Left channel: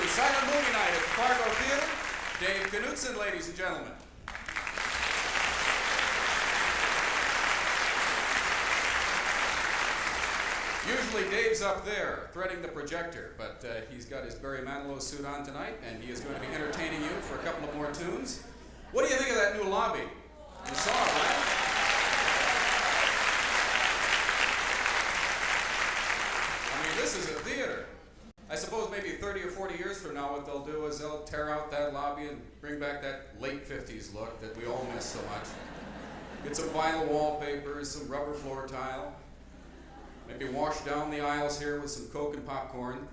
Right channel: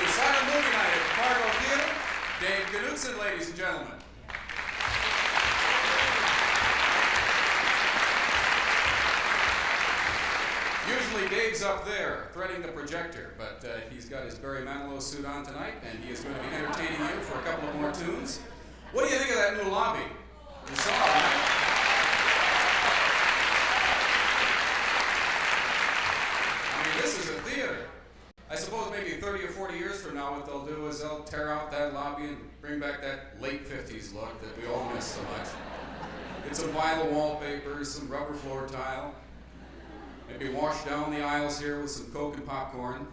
to Silent Movie Night at the Fargo Theatre. Dave Knudtson, ladies and gentlemen. Usually Dave's up there threading the projector, but he's got his Barry Manilow suit on tonight, and he is going to be entertaining you for a couple of more tunes. What do you think of that new lobby? You saw it, right? I mean, this is a theater. I suppose maybe 30 or 40 years from now what they'll do is they'll tear out that lobby and bring back that late 50s look that we all miss so much. Get some vinyl wallpapers, some rubber floor tile. Maybe wash down the aisles here with some Coke and popcorn.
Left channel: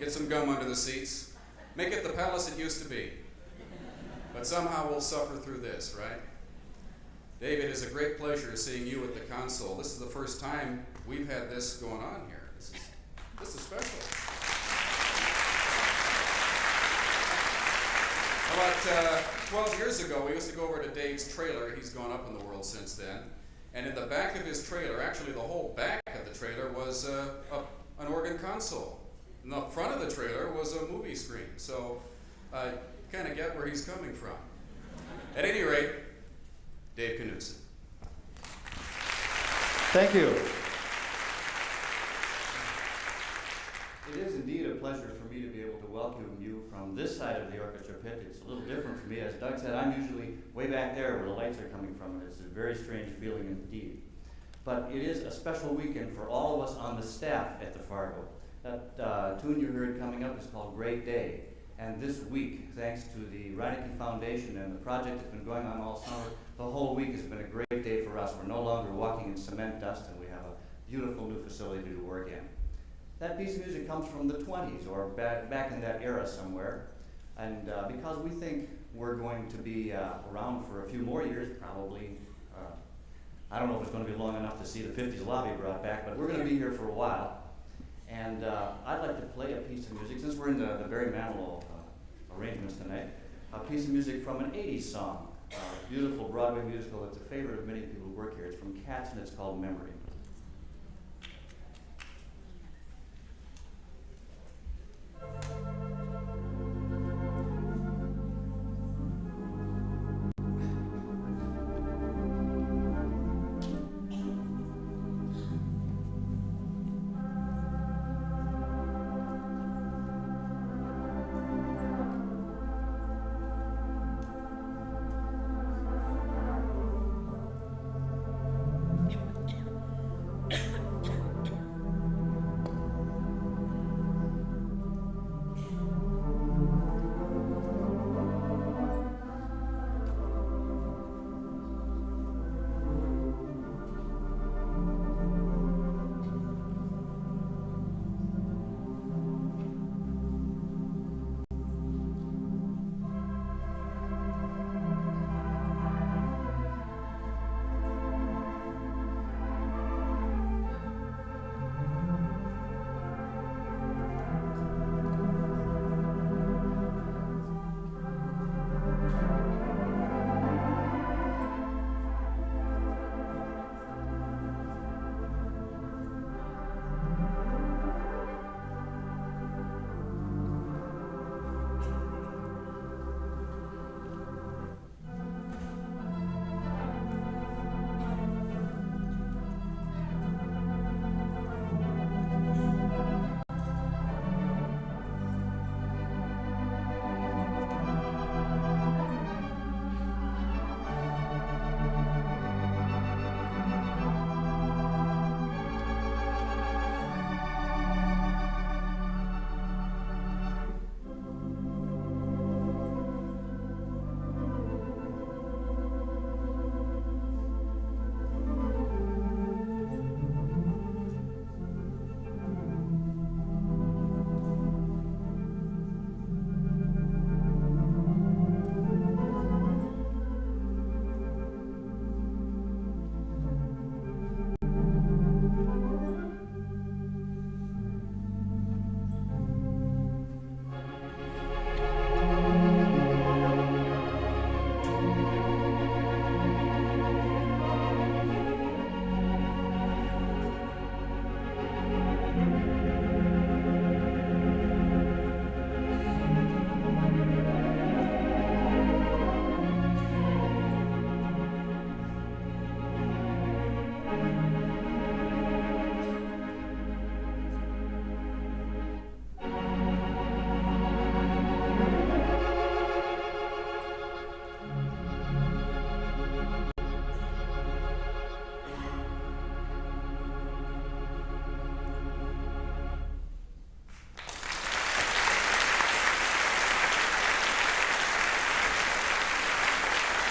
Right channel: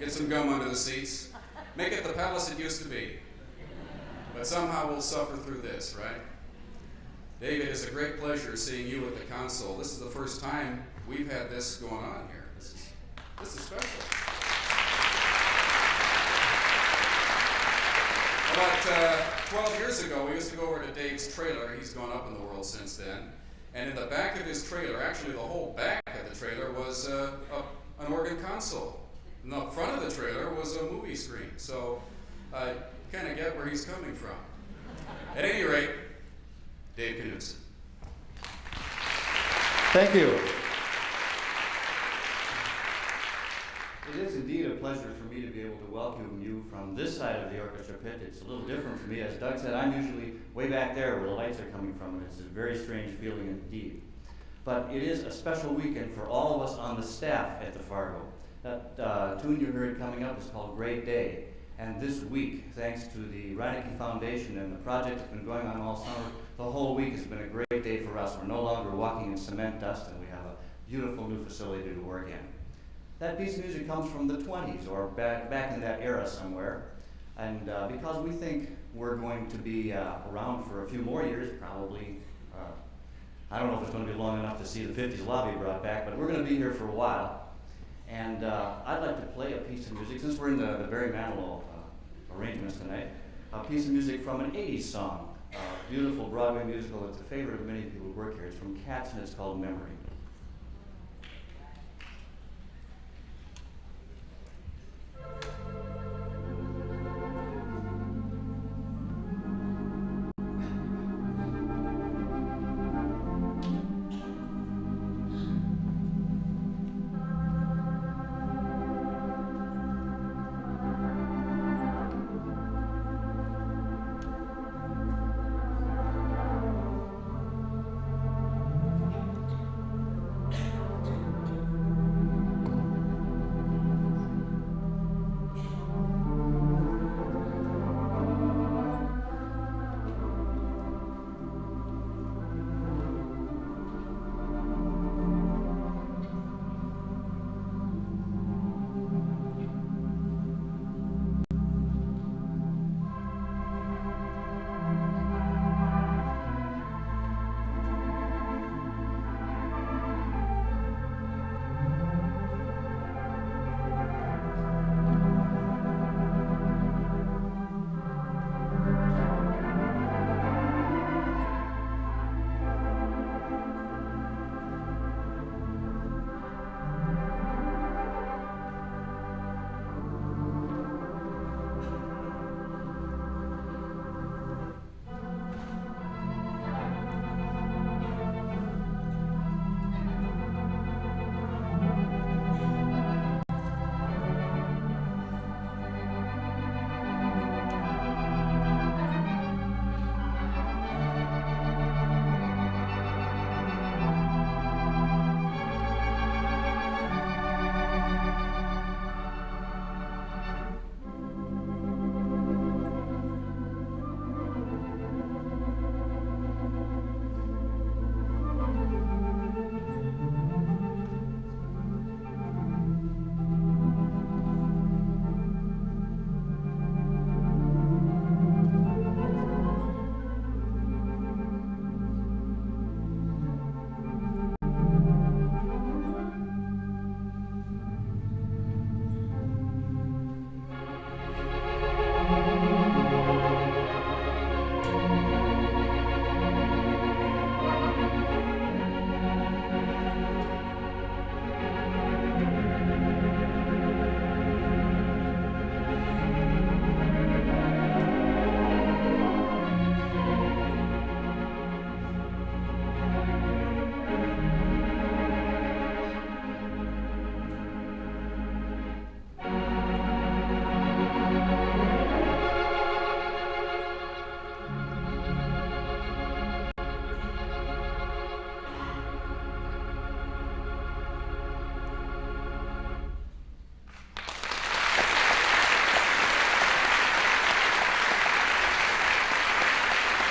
Get some gum under the seats. Make it the palace it used to be. But somehow we'll suffer through this, right? David, it's a great pleasure seeing you at the console. This is the first time we've had this going on here. This is special. About 12 years ago, we used to go over to Dave's trailer. He's gone up in the world since then. And in the back of his trailer, actually the whole back of the trailer was an organ console. In the front of the trailer was a movie screen. So you kind of get where he's coming from. At any rate, Dave Knudtson. Thank you. It is indeed a pleasure for me to be able to welcome you from this side of the orchestra pit. It's a little different for me. As Doug said, I'm usually way back there where the lights are coming from, and it's a very strange feeling indeed. But it is a special weekend for all of us on the staff at the Fargo. That tune you heard coming up is called Great Day. And this week, thanks to the Reinecke Foundation and the project that's been going on all summer, the whole week has been a great day for us. We're no longer walking in cement dust, and we have a beautiful new facility to work in. That piece of music comes from the 20s, or back in that era somewhere. And because we think we're going to be around for a few more years, probably, I don't know if it's going to be long enough to see the 50s lobby brought back, but we're going to be here for a while. And I'd like to play a piece of music, since we're in the Barry Manilow arrangements tonight, a piece of music from an 80s song, a beautiful Broadway musical that's a favorite of many people who work here. It's from Cats, and it's called Memory.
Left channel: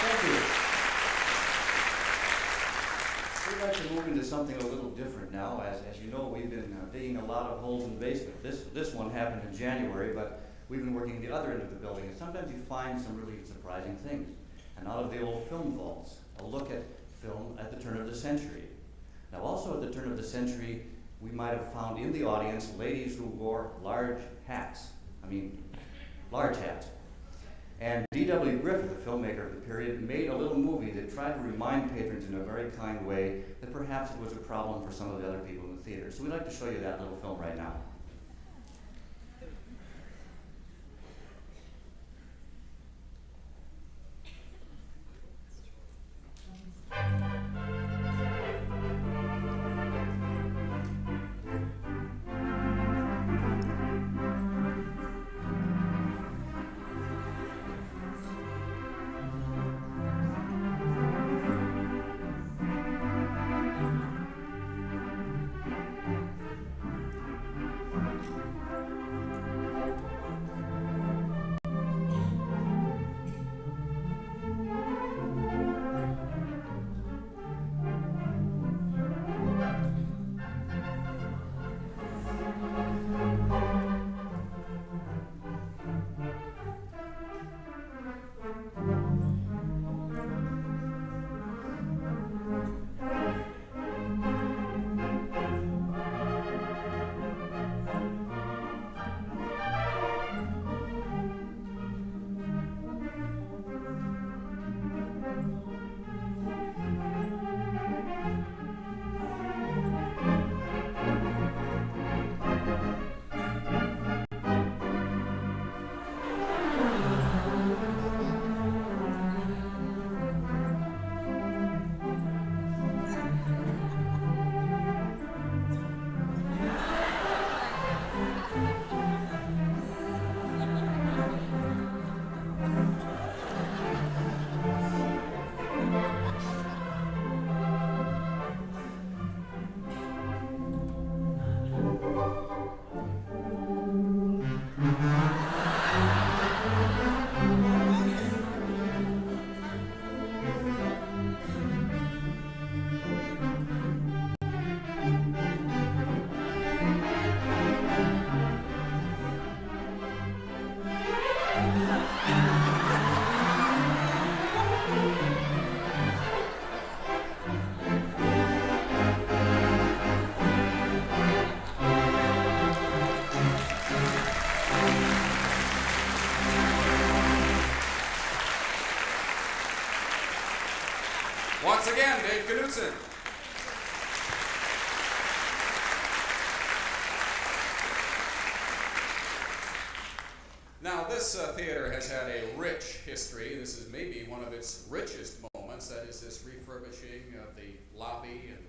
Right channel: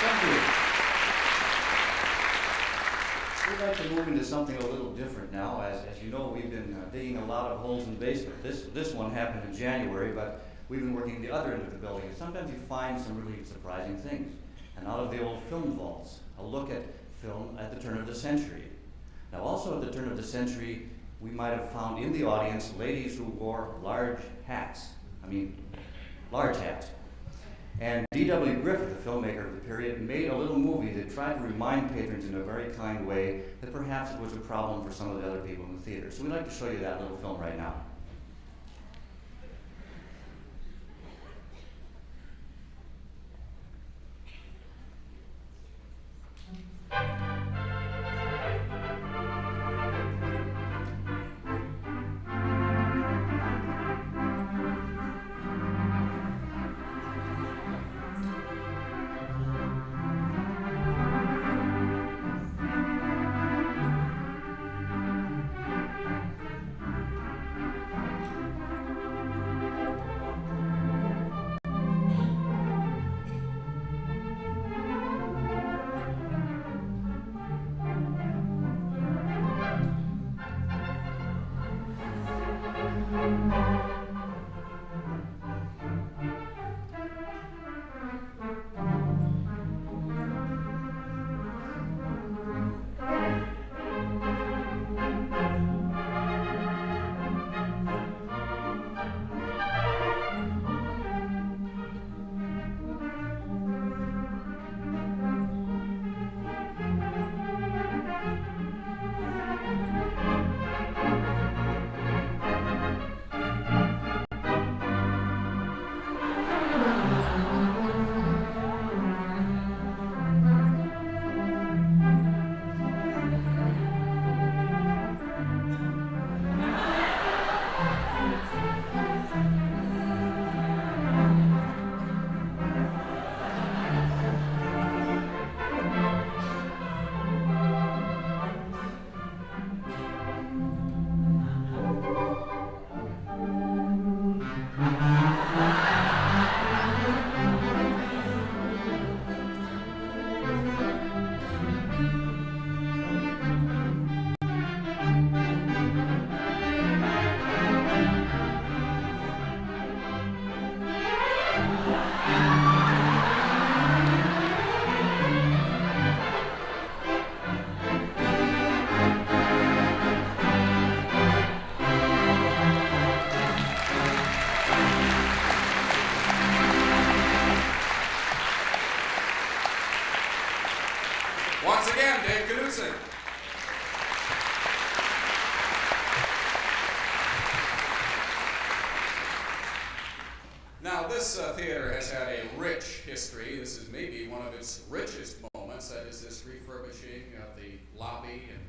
Thank you. We'd like to move into something a little different now. As you know, we've been digging a lot of holes in the basement. This one happened in January, but we've been working the other end of the building, and sometimes you find some really surprising things. And out of the old film vaults, a look at film at the turn of the century. Now, also at the turn of the century, we might have found in the audience ladies who wore large hats. I mean, large hats. And D.W. Griffith, the filmmaker of the period, made a little movie that tried to remind patrons in a very kind way that perhaps it was a problem for some of the other people in the theater. So we'd like to show you that little film right now. Once again, Dave Knudtson. Now, this theater has had a rich history. This is maybe one of its richest moments. That is this refurbishing of the lobby, and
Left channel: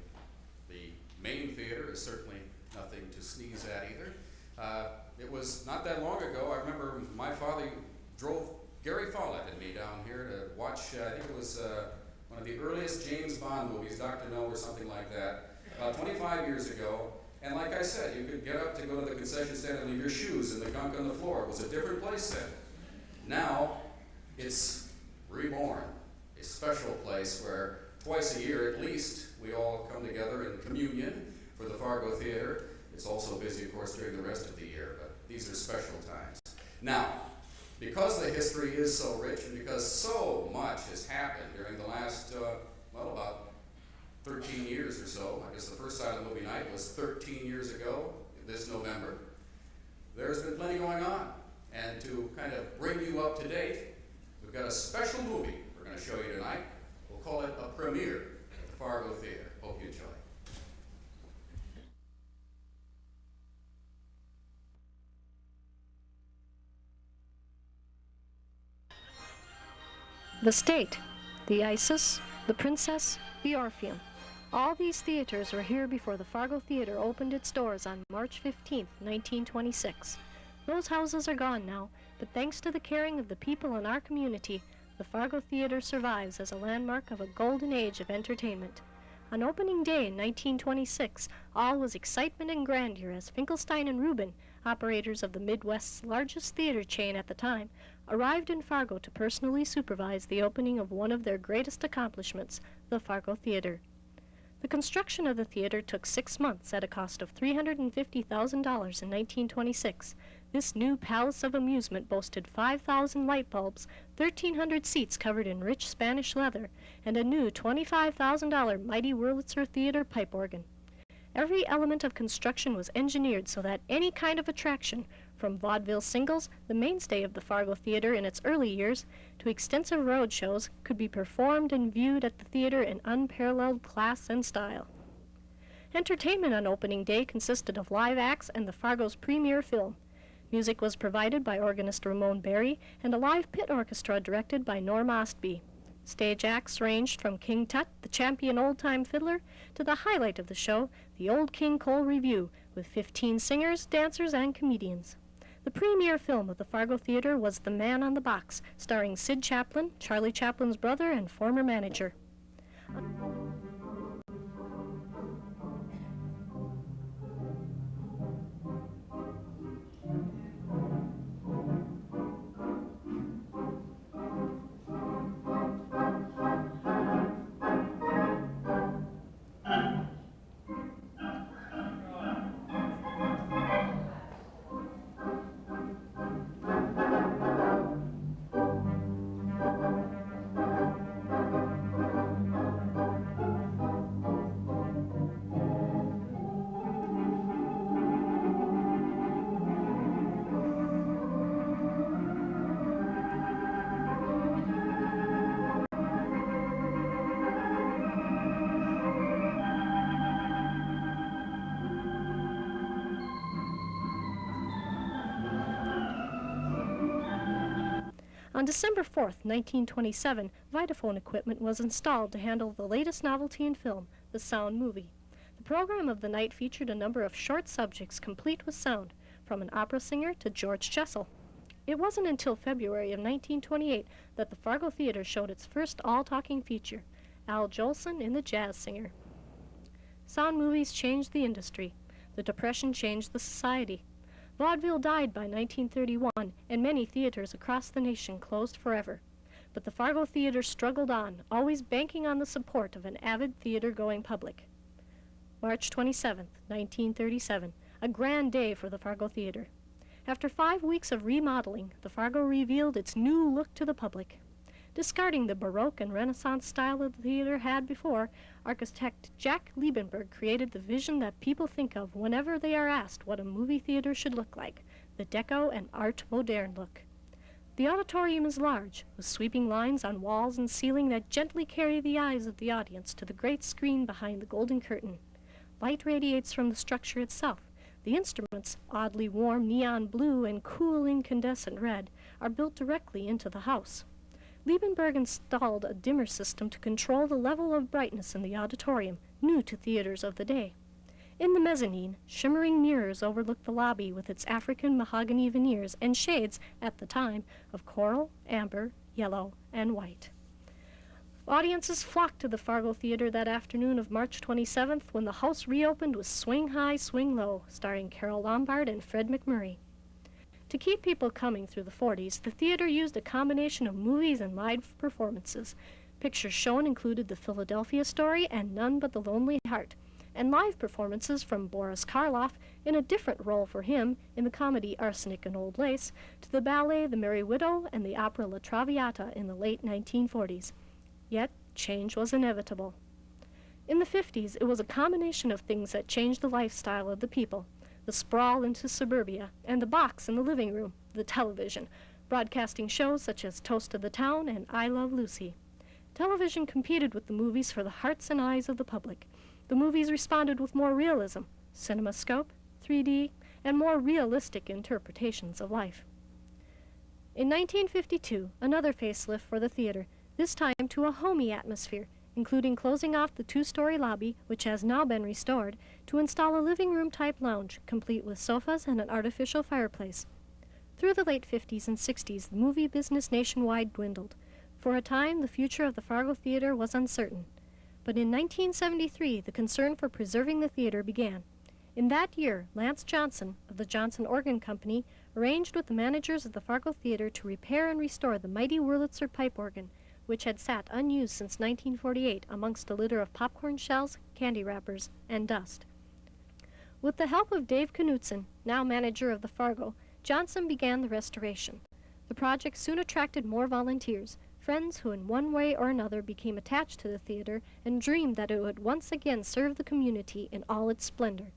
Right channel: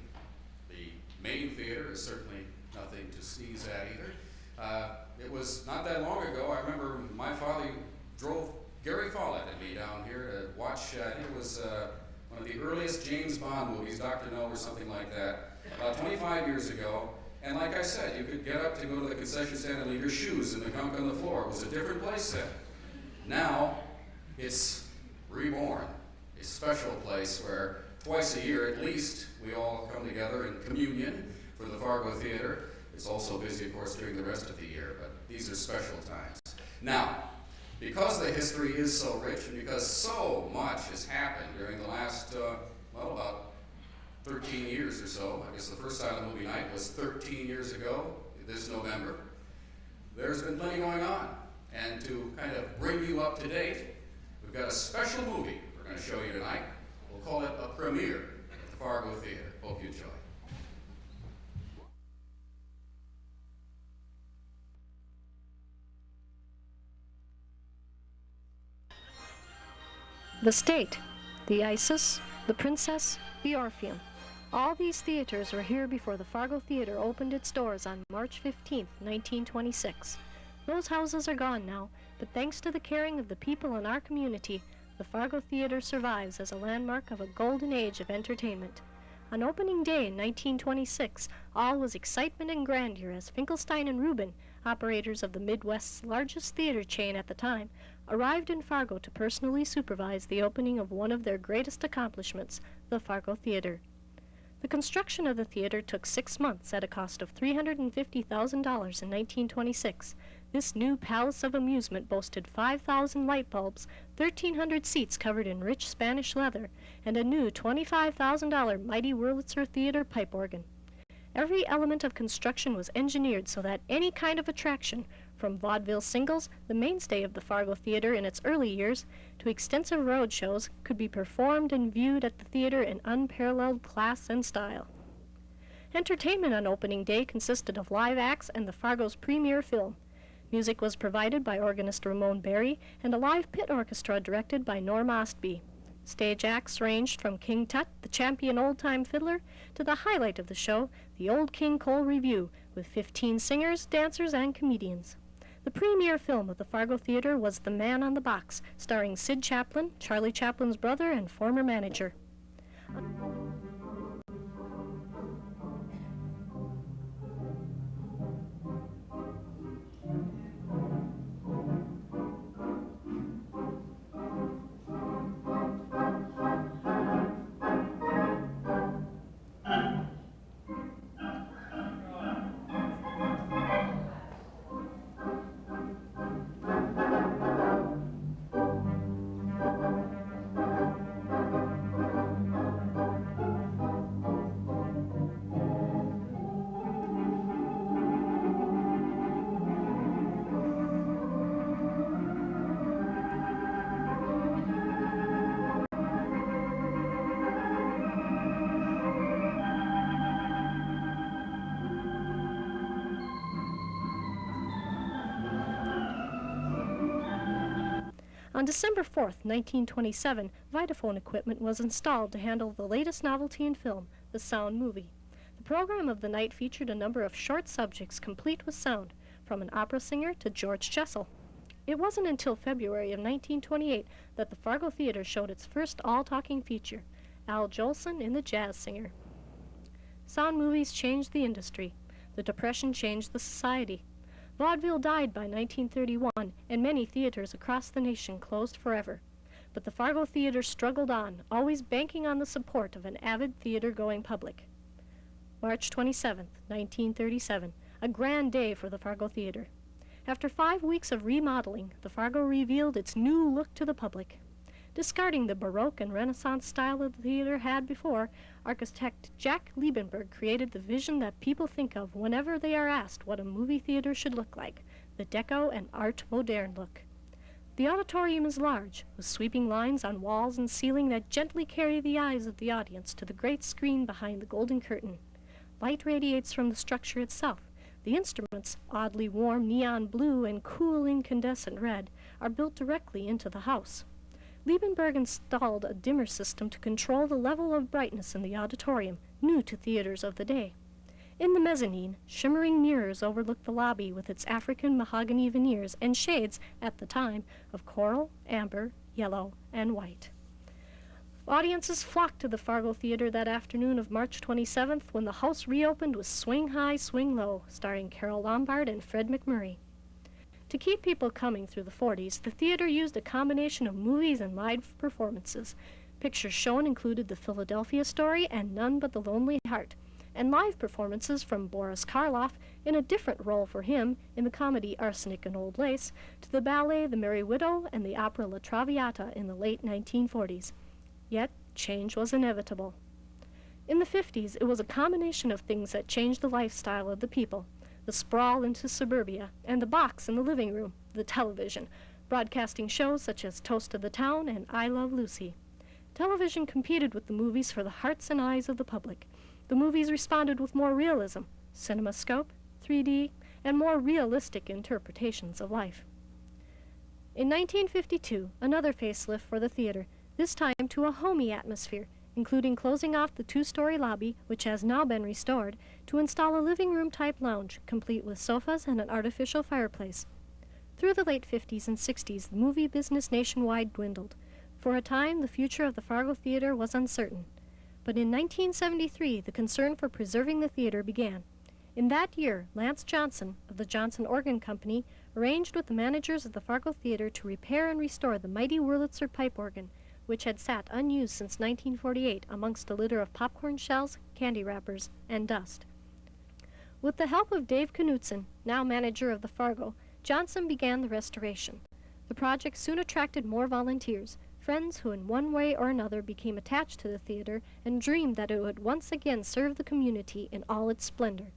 the main theater is certainly nothing to sneeze at either. It was not that long ago. I remember my father drove Gary Follett and me down here to watch, I think it was one of the earliest James Bond movies, Dr. No or something like that, about 25 years ago. And like I said, you could get up to go to the concession stand and leave your shoes in the gunk on the floor. It was a different place then. Now, it's reborn, a special place where twice a year at least we all come together in communion for the Fargo Theatre. It's also busy, of course, during the rest of the year, but these are special times. Now, because the history is so rich and because so much has happened during the last, about 13 years or so, I guess the first silent movie night was 13 years ago, this November, there's been plenty going on. And to kind of bring you up to date, we've got a special movie we're going to show you tonight. We'll call it a premiere at the Fargo Theatre. Hope you enjoy. The State, the Isis, the Princess, the Orpheum. All these theaters were here before the Fargo Theatre opened its doors on March 15, 1926. Those houses are gone now, but thanks to the caring of the people in our community, the Fargo Theatre survives as a landmark of a golden age of entertainment. On opening day in 1926, all was excitement and grandeur as Finkelstein and Rubin, operators of the Midwest's largest theater chain at the time, arrived in Fargo to personally supervise the opening of one of their greatest accomplishments, the Fargo Theatre. The construction of the theater took 6 months at a cost of $350,000 in 1926. This new palace of amusement boasted 5,000 light bulbs, 1,300 seats covered in rich Spanish leather, and a new $25,000 mighty Wurlitzer theater pipe organ. Every element of construction was engineered so that any kind of attraction, from vaudeville singles, the mainstay of the Fargo Theatre in its early years, to extensive road shows, could be performed and viewed at the theater in unparalleled class and style. Entertainment on opening day consisted of live acts and the Fargo's premier film. Music was provided by organist Ramon Berry and a live pit orchestra directed by Norm Ostby. Stage acts ranged from King Tut, the champion old-time fiddler, to the highlight of the show, the Old King Cole Revue, with 15 singers, dancers, and comedians. The premier film of the Fargo Theatre was The Man on the Box, starring Sid Chaplin, Charlie Chaplin's brother and former manager. On December 4th, 1927, Vitaphone equipment was installed to handle the latest novelty in film, the sound movie. The program of the night featured a number of short subjects complete with sound, from an opera singer to George Jessel. It wasn't until February of 1928 that the Fargo Theatre showed its first all-talking feature, Al Jolson in The Jazz Singer. Sound movies changed the industry. The Depression changed the society. Vaudeville died by 1931, and many theaters across the nation closed forever. But the Fargo Theatre struggled on, always banking on the support of an avid theater-going public. March 27, 1937, a grand day for the Fargo Theatre. After 5 weeks of remodeling, the Fargo revealed its new look to the public. Discarding the Baroque and Renaissance style that the theater had before, architect Jack Liebenberg created the vision that people think of whenever they are asked what a movie theater should look like, the Deco and Art Moderne look. The auditorium is large, with sweeping lines on walls and ceiling that gently carry the eyes of the audience to the great screen behind the golden curtain. Light radiates from the structure itself. The instruments, oddly warm neon blue and cool incandescent red, are built directly into the house. Liebenberg installed a dimmer system to control the level of brightness in the auditorium, new to theaters of the day. In the mezzanine, shimmering mirrors overlook the lobby with its African mahogany veneers and shades, at the time, of coral, amber, yellow, and white. Audiences flocked to the Fargo Theatre that afternoon of March 27th when the house reopened with Swing High, Swing Low, starring Carole Lombard and Fred McMurray. To keep people coming through the 40s, the theater used a combination of movies and live performances. Pictures shown included The Philadelphia Story and None But the Lonely Heart, and live performances from Boris Karloff in a different role for him in the comedy Arsenic and Old Lace, to the ballet The Merry Widow and the opera La Traviata in the late 1940s. Yet, change was inevitable. In the 50s, it was a combination of things that changed the lifestyle of the people. The sprawl into suburbia, and the box in the living room, the television, broadcasting shows such as Toast of the Town and I Love Lucy. Television competed with the movies for the hearts and eyes of the public. The movies responded with more realism, cinemascope, 3D, and more realistic interpretations of life. In 1952, another facelift for the theater, this time to a homey atmosphere, including closing off the 2-story lobby, which has now been restored, to install a living room-type lounge, complete with sofas and an artificial fireplace. Through the late 50s and 60s, the movie business nationwide dwindled. For a time, the future of the Fargo Theatre was uncertain. But in 1973, the concern for preserving the theater began. In that year, Lance Johnson, of the Johnson Organ Company, arranged with the managers of the Fargo Theatre to repair and restore the mighty Wurlitzer pipe organ, which had sat unused since 1948 amongst a litter of popcorn shells, candy wrappers, and dust. With the help of Dave Knudtson, now manager of the Fargo, Johnson began the restoration. The project soon attracted more volunteers, friends who in one way or another became attached to the theater and dreamed that it would once again serve the community in all its splendor.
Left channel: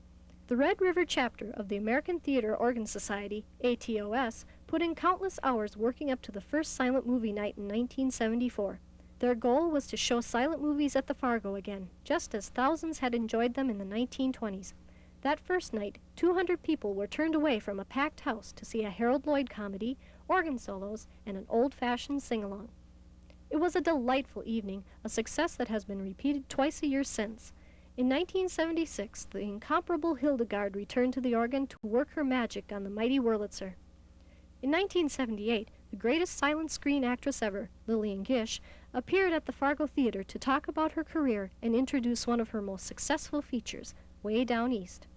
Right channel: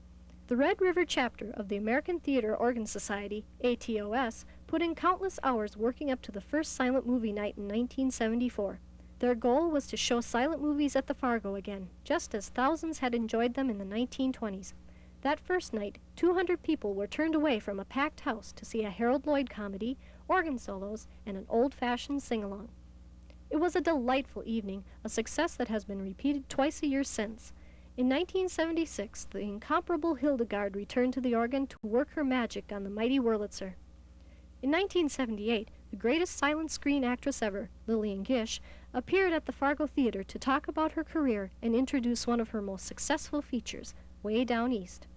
The Red River chapter of the American Theater Organ Society, ATOS, put in countless hours working up to the first silent movie night in 1974. Their goal was to show silent movies at the Fargo again, just as thousands had enjoyed them in the 1920s. That first night, 200 people were turned away from a packed house to see a Harold Lloyd comedy, organ solos, and an old-fashioned sing-along. It was a delightful evening, a success that has been repeated twice a year since. In 1976, the incomparable Hildegarde returned to the organ to work her magic on the mighty Wurlitzer. In 1978, the greatest silent screen actress ever, Lillian Gish, appeared at the Fargo Theatre to talk about her career and introduce one of her most successful features, Way Down East.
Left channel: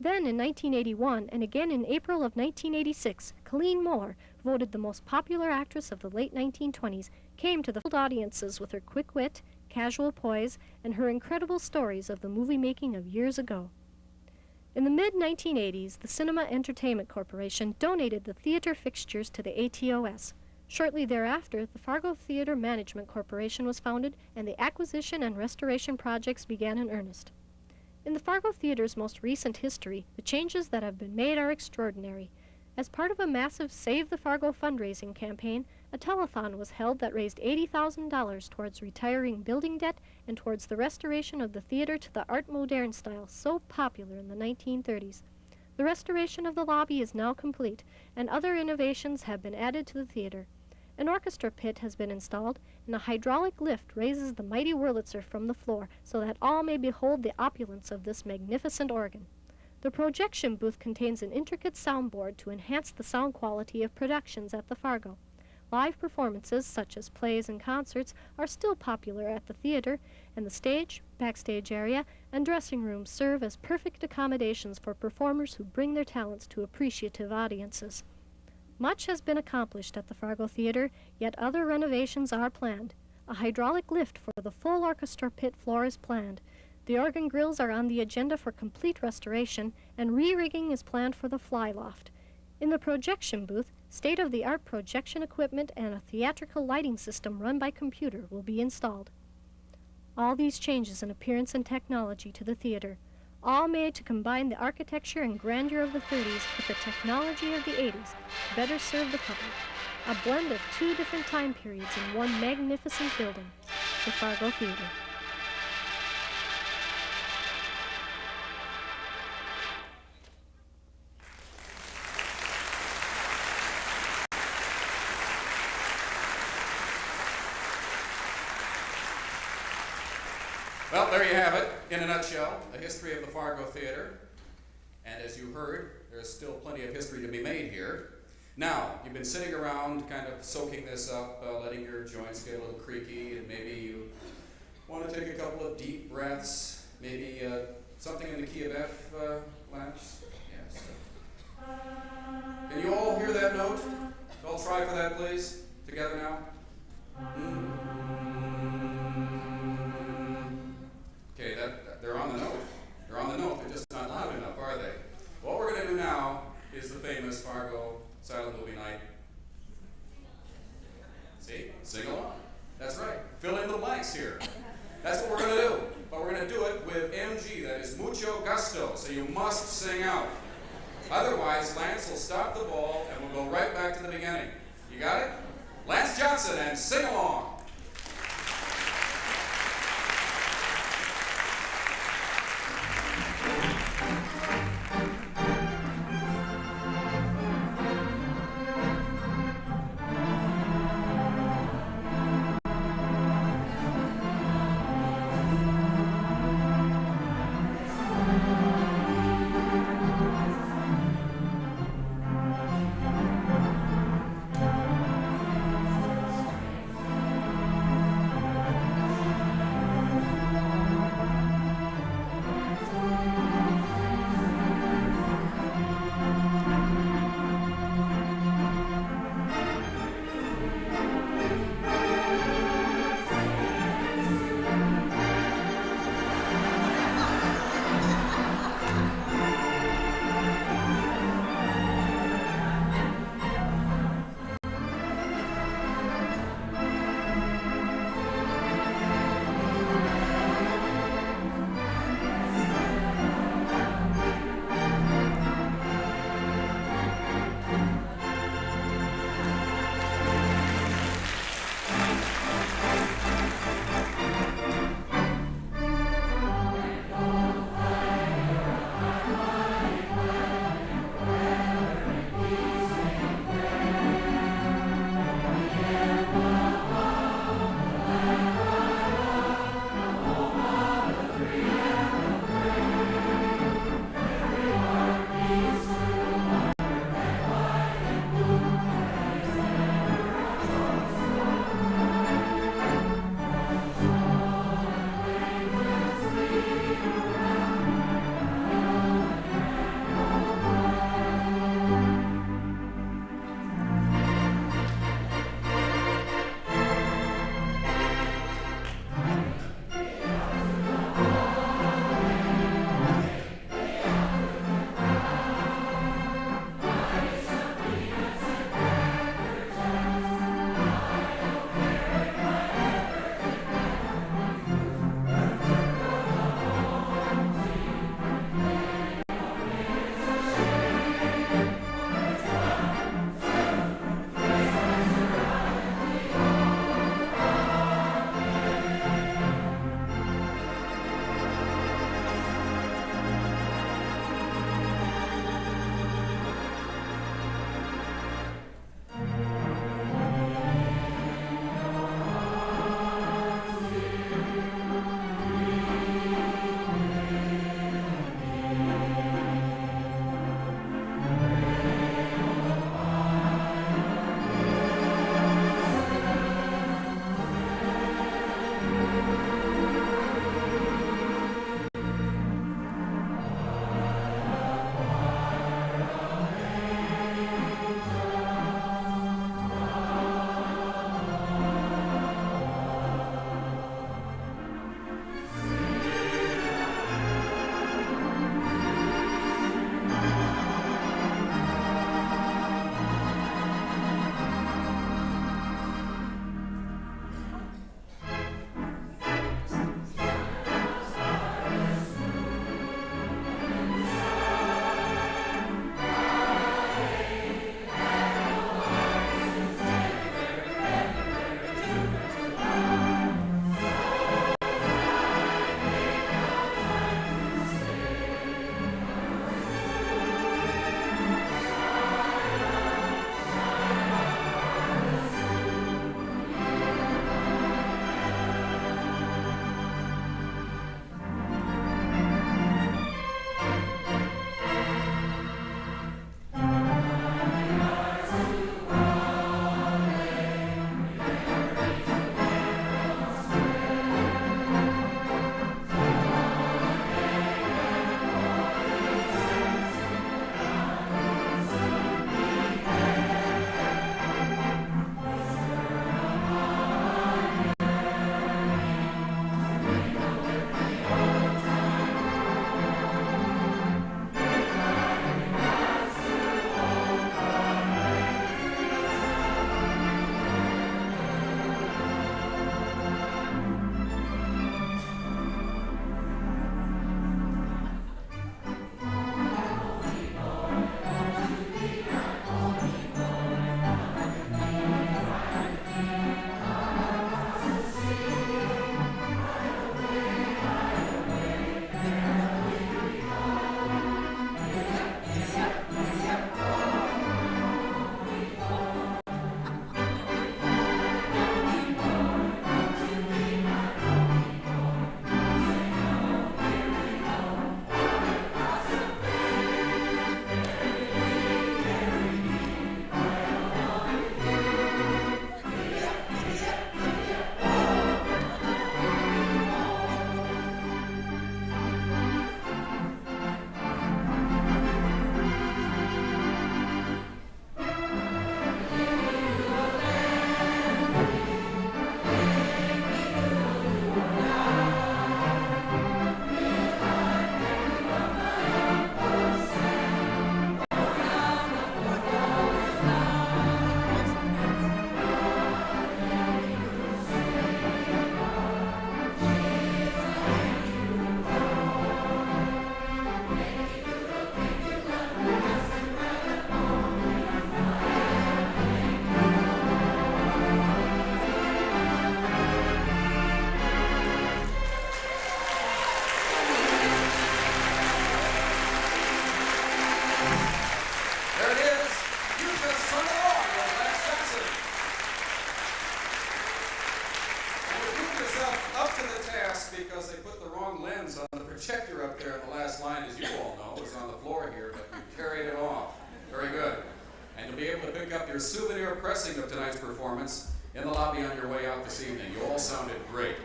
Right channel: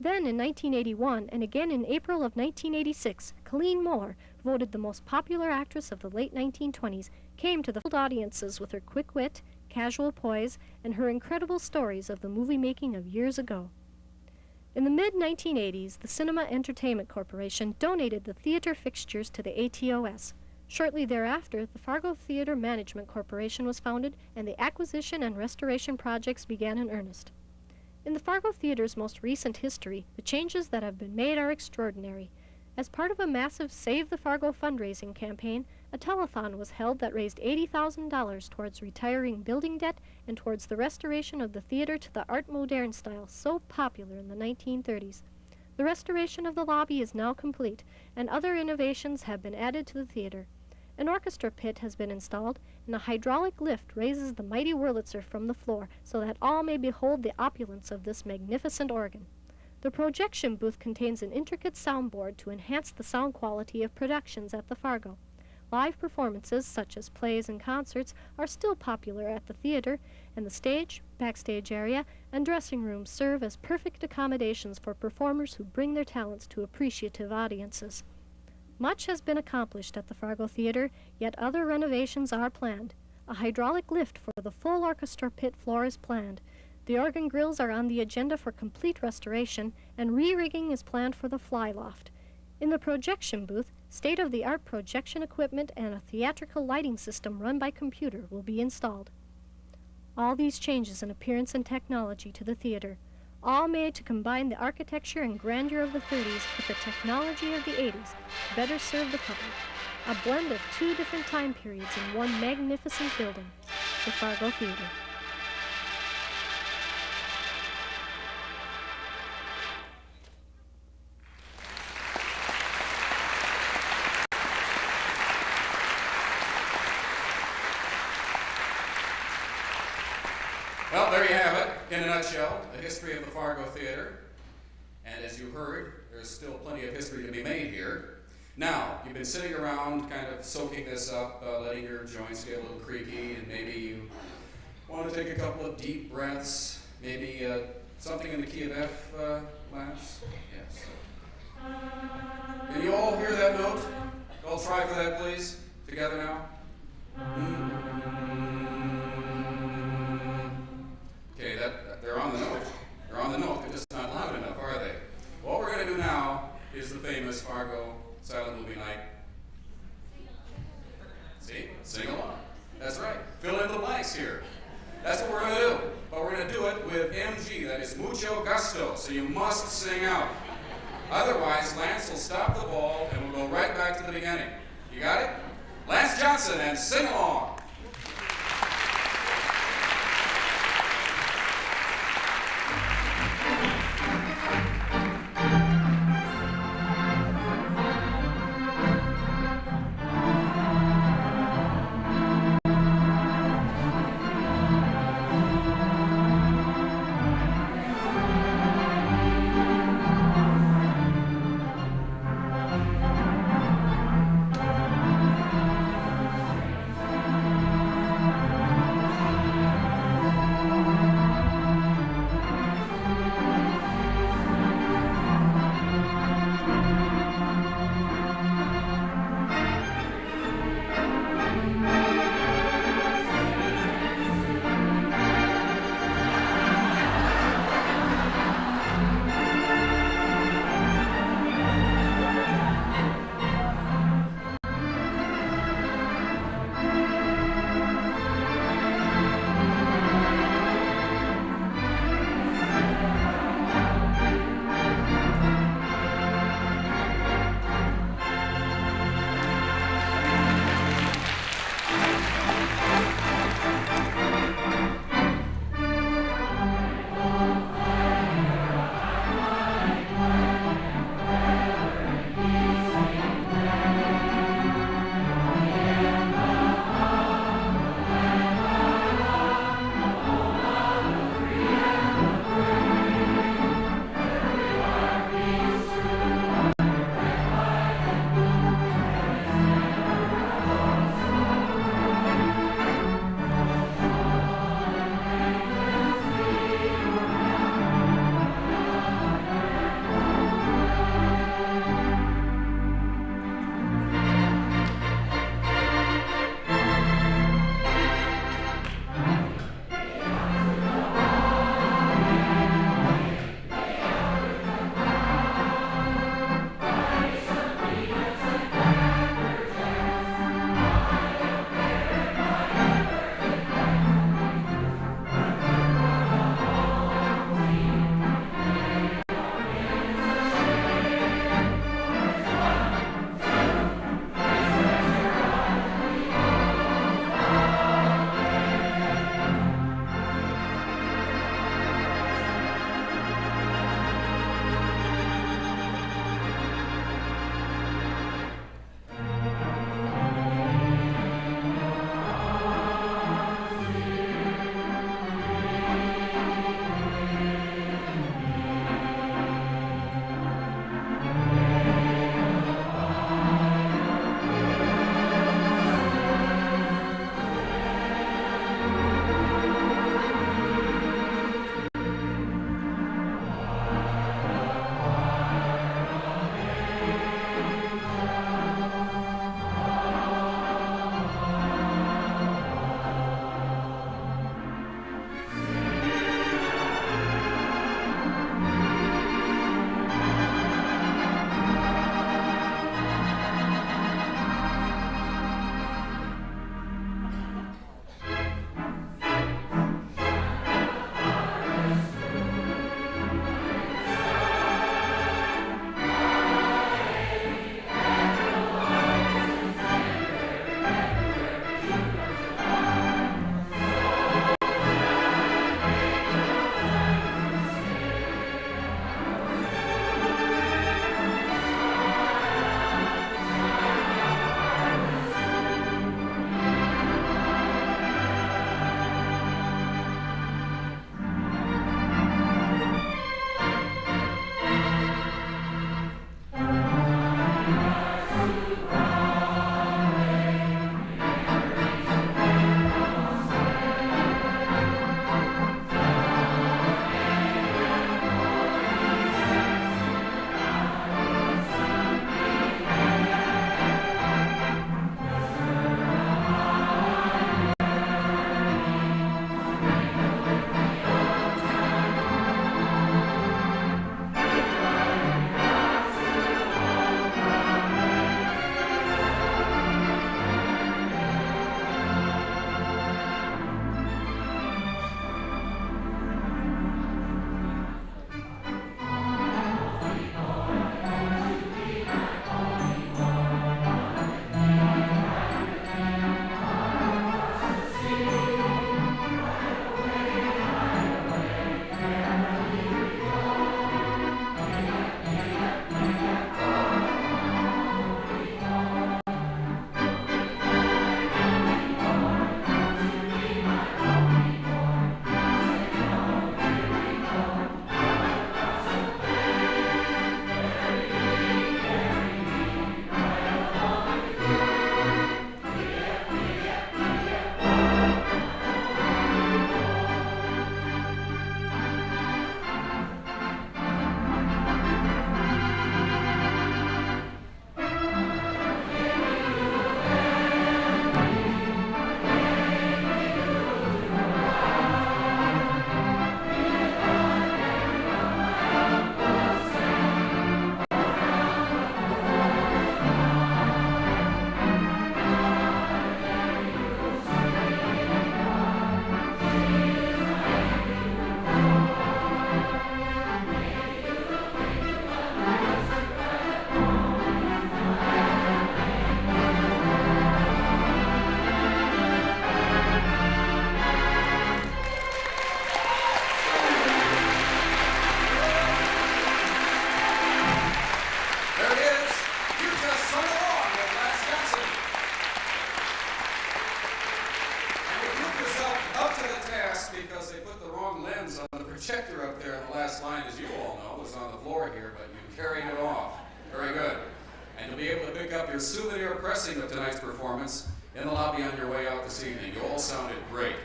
Then in 1981, and again in April of 1986, Colleen Moore, voted the most popular actress of the late 1920s, came to the audiences with her quick wit, casual poise, and her incredible stories of the movie-making of years ago. In the mid-1980s, the Cinema Entertainment Corporation donated the theater fixtures to the ATOS. Shortly thereafter, the Fargo Theater Management Corporation was founded, and the acquisition and restoration projects began in earnest. In the Fargo Theater's most recent history, the changes that have been made are extraordinary. As part of a massive Save the Fargo fundraising campaign, a telethon was held that raised $80,000 towards retiring building debt and towards the restoration of the theater to the Art Moderne style so popular in the 1930s. The restoration of the lobby is now complete, and other innovations have been added to the theater. An orchestra pit has been installed, and a hydraulic lift raises the mighty Wurlitzer from the floor so that all may behold the opulence of this magnificent organ. The projection booth contains an intricate soundboard to enhance the sound quality of productions at the Fargo. Live performances, such as plays and concerts, are still popular at the theater, and the stage, backstage area, and dressing rooms serve as perfect accommodations for performers who bring their talents to appreciative audiences. Much has been accomplished at the Fargo Theater, yet other renovations are planned. A hydraulic lift for the full orchestra pit floor is planned. The organ grills are on the agenda for complete restoration, and re-rigging is planned for the fly loft. In the projection booth, state-of-the-art projection equipment and a theatrical lighting system run by computer will be installed. All these changes in appearance and technology to the theater, all made to combine the architecture and grandeur of the 30s with the technology of the 80s to better serve the public. A blend of two different time periods in one magnificent building, the Fargo Theatre. Well, there you have it, in a nutshell, a history of the Fargo Theatre. And as you heard, there's still plenty of history to be made here. Now, you've been sitting around kind of soaking this up, letting your joints get a little creaky, and maybe you want to take a couple of deep breaths, maybe something in the key of F, Lance? Yes. Can you all hear that note? All try for that, please. Together now. Okay, they're on the note. They're on the note. They're just not loud enough, are they? What we're going to do now is the famous Fargo silent movie night. See? Sing along. That's right. Fill in the blanks here. That's what we're going to do. But we're going to do it with MG. That is mucho gusto. So you must sing out. Otherwise, Lance will stop the ball and we'll go right back to the beginning. You got it? Lance Johnson and sing along. because they put the wrong lens on the projector up there on the last line, as you all know, was on the floor here, but you carried it off. Very good. And you'll be able to pick up your souvenir pressing of tonight's performance in the lobby on your way out this evening. You all sounded great.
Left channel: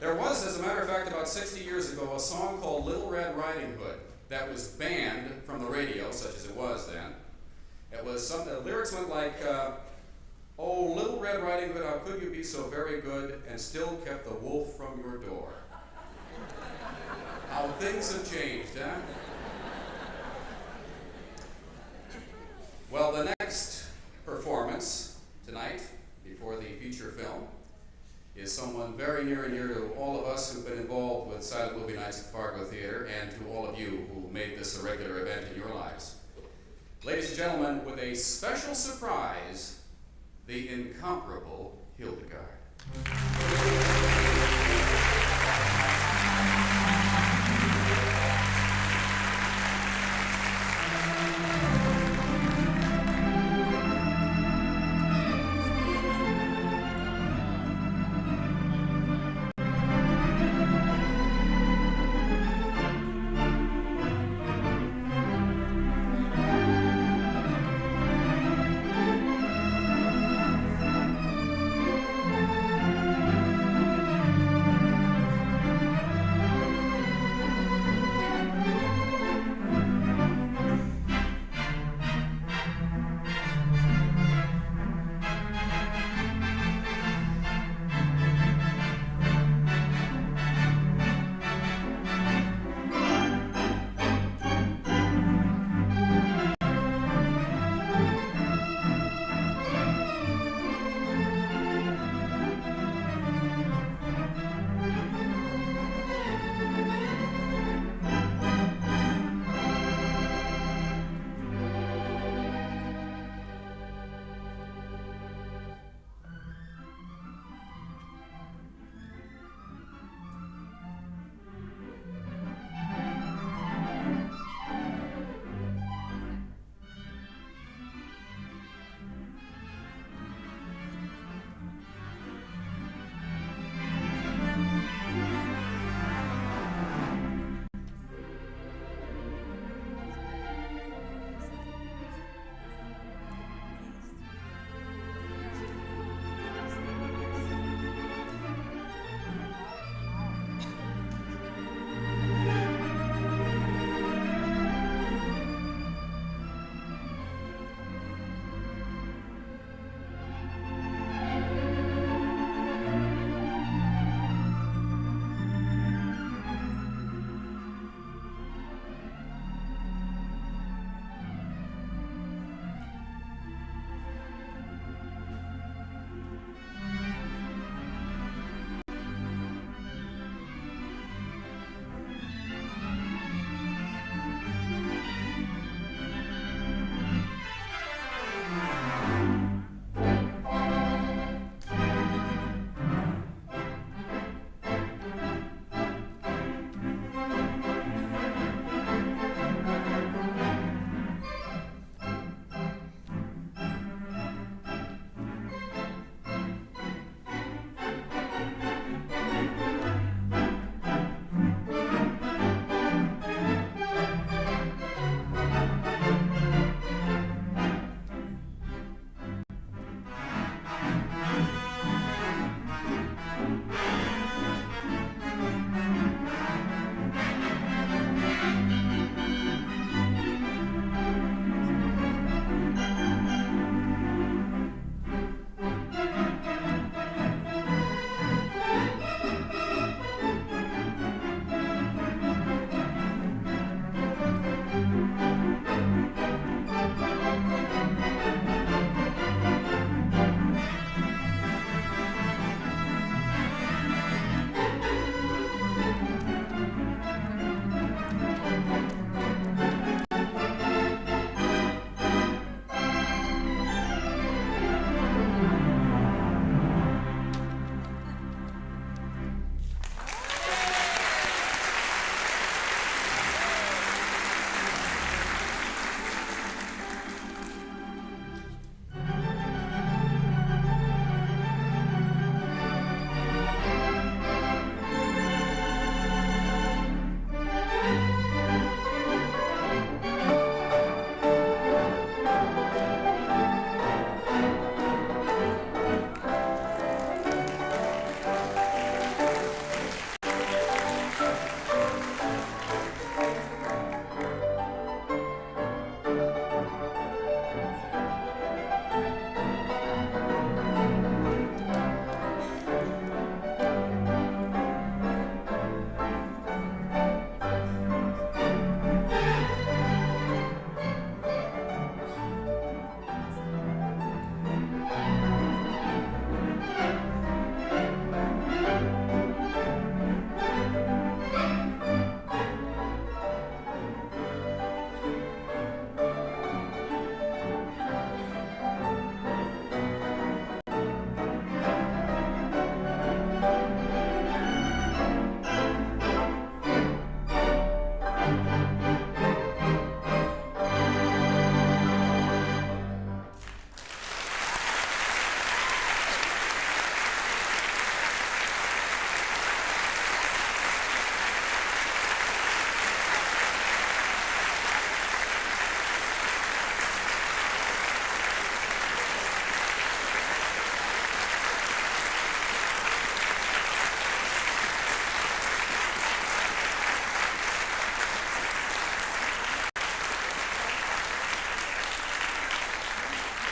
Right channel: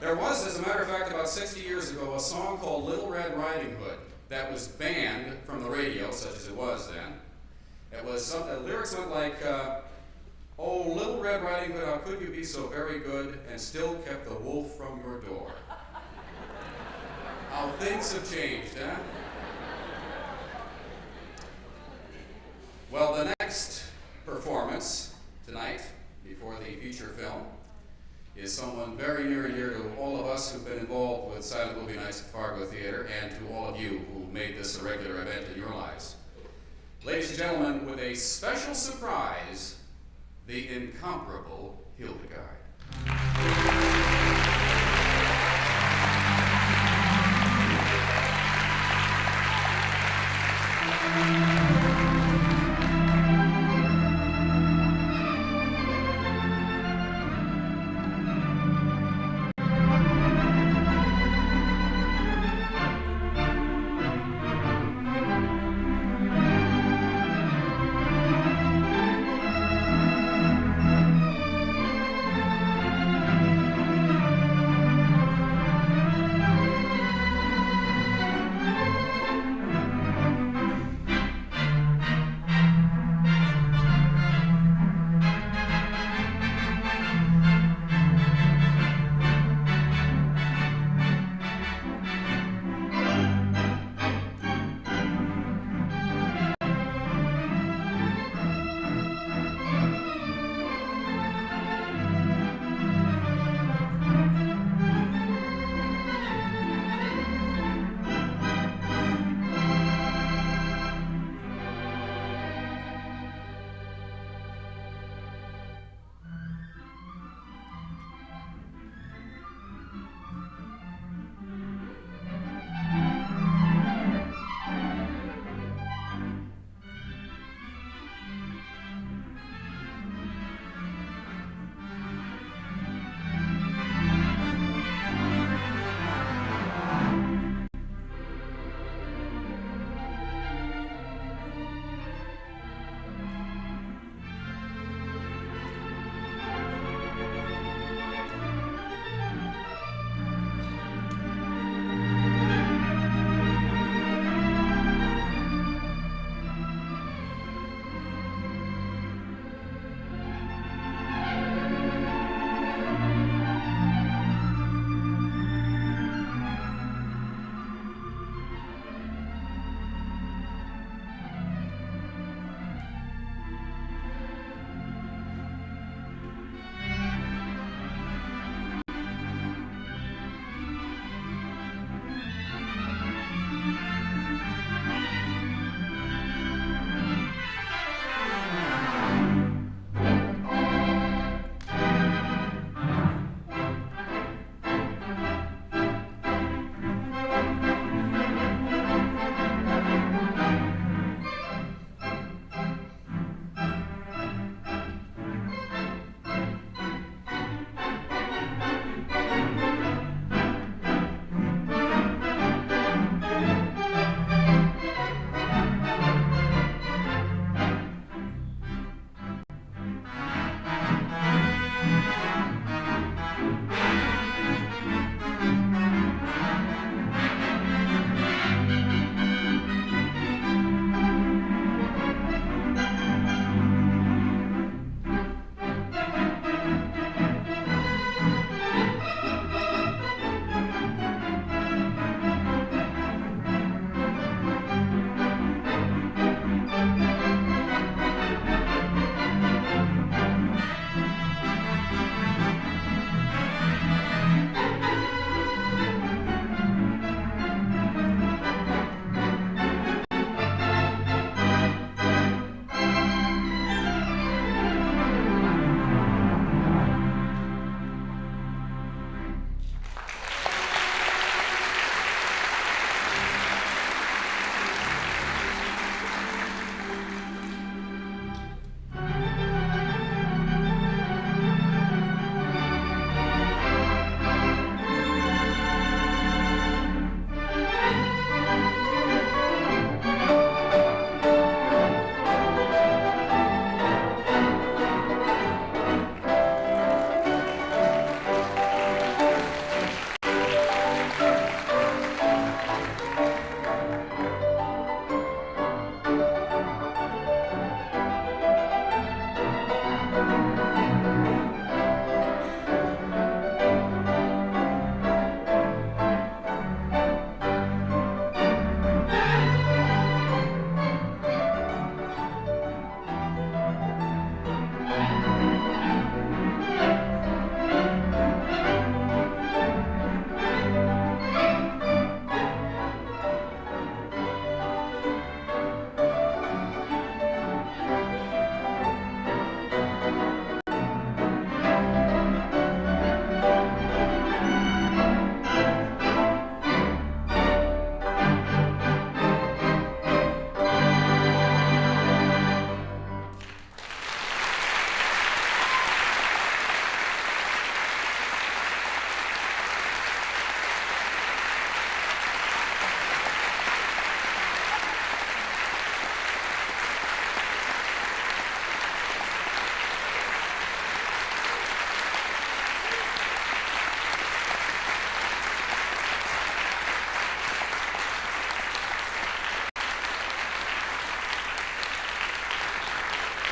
There was, as a matter of fact, about 60 years ago, a song called Little Red Riding Hood that was banned from the radio, such as it was then. It was the lyrics went like, oh, Little Red Riding Hood, how could you be so very good and still kept the wolf from your door? How things have changed, huh? Well, the next performance tonight, before the feature film, is someone very near and dear to all of us who've been involved with silent movie nights at Fargo Theatre, and to all of you who made this a regular event in your lives. Ladies and gentlemen, with a special surprise, the Incomparable Hildegarde.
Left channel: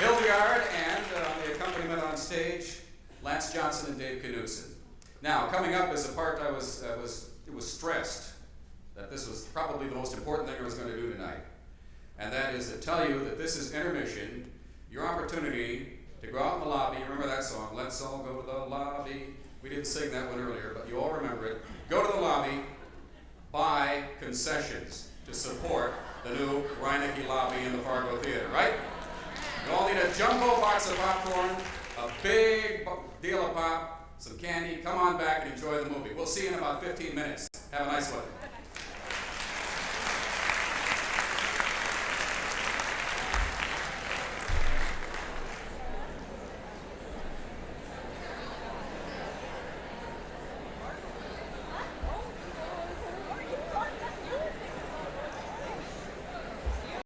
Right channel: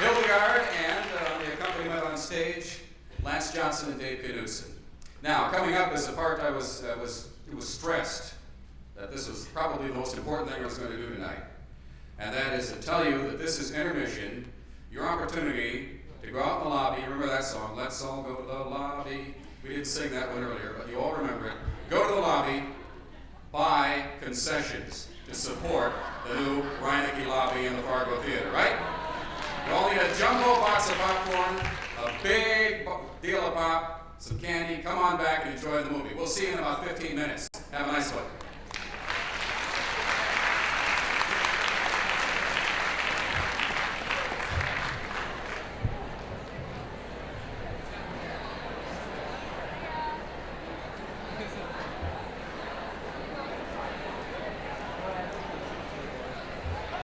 Hildegarde, and on the accompaniment on stage, Lance Johnson and Dave Knudtson. Now, coming up is a part I was stressed that this was probably the most important thing I was going to do tonight. And that is to tell you that this is intermission, your opportunity to go out in the lobby. Remember that song, Let's All Go to the Lobby. We didn't sing that one earlier, but you all remember it. Go to the lobby, buy concessions to support the new Reinecke lobby in the Fargo Theatre, right? You all need a jumbo box of popcorn, a big deal of pop, some candy. Come on back and enjoy the movie. We'll see you in about 15 minutes. Have a nice one.